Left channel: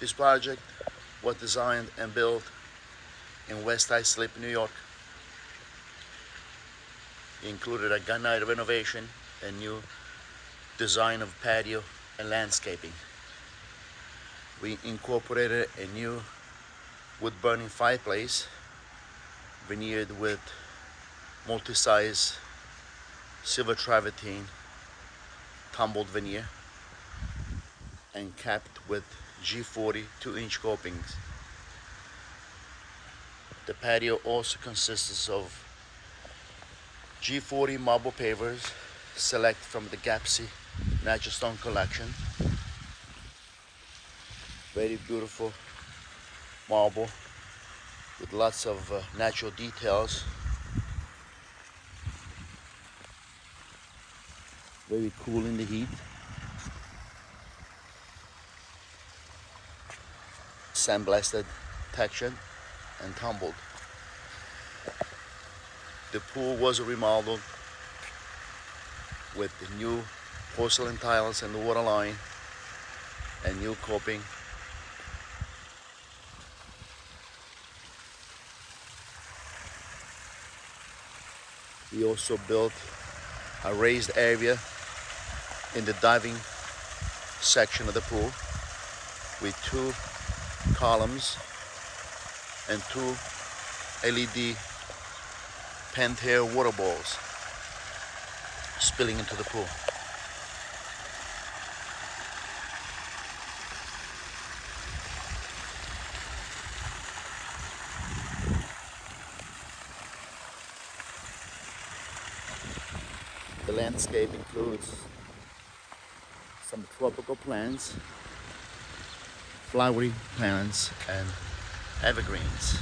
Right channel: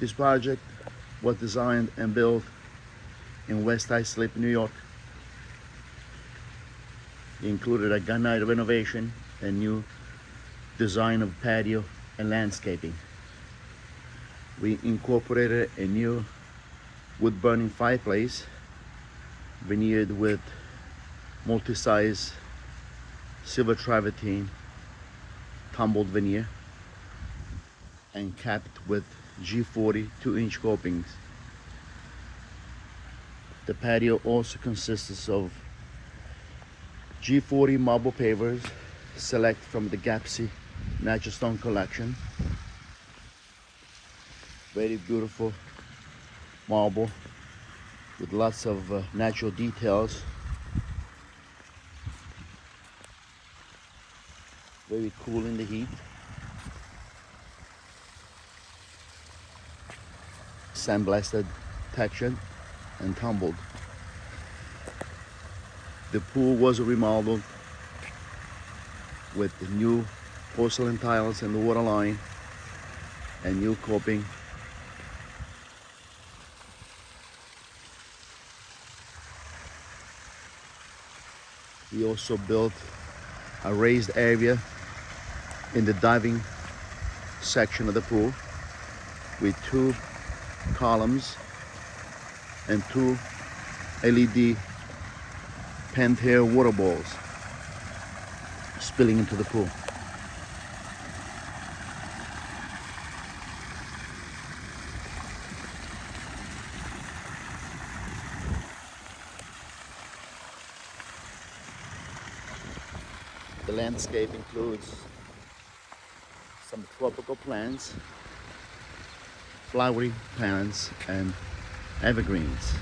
This project was designed and built in West Islip, New York. It included a Gunite renovation and new design of patio and landscaping. We incorporated a new wood-burning fireplace, veneered with multisize silver travertine tumbled veneer, and capped with G40 2-inch copings. The patio also consists of G40 marble pavers, select from the Gappsi natural stone collection. Very beautiful marble with lots of natural details. Very cool in the heat. Sandblasted, textured, and tumbled. The pool was remodeled with new porcelain tiles and the water line and new coping. We also built a raised area in the diving section of the pool with 2 columns and 2 LED Pentair Water Balls spilling into the pool. The landscape includes some tropical plants, flowery plants, and evergreens.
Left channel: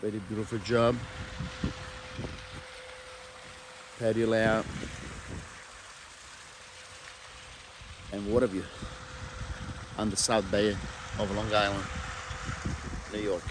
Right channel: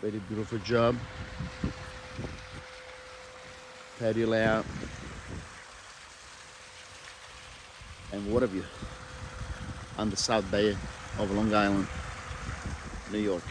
Very beautiful job. Patio layout and water view on the South Bay of Long Island, New York.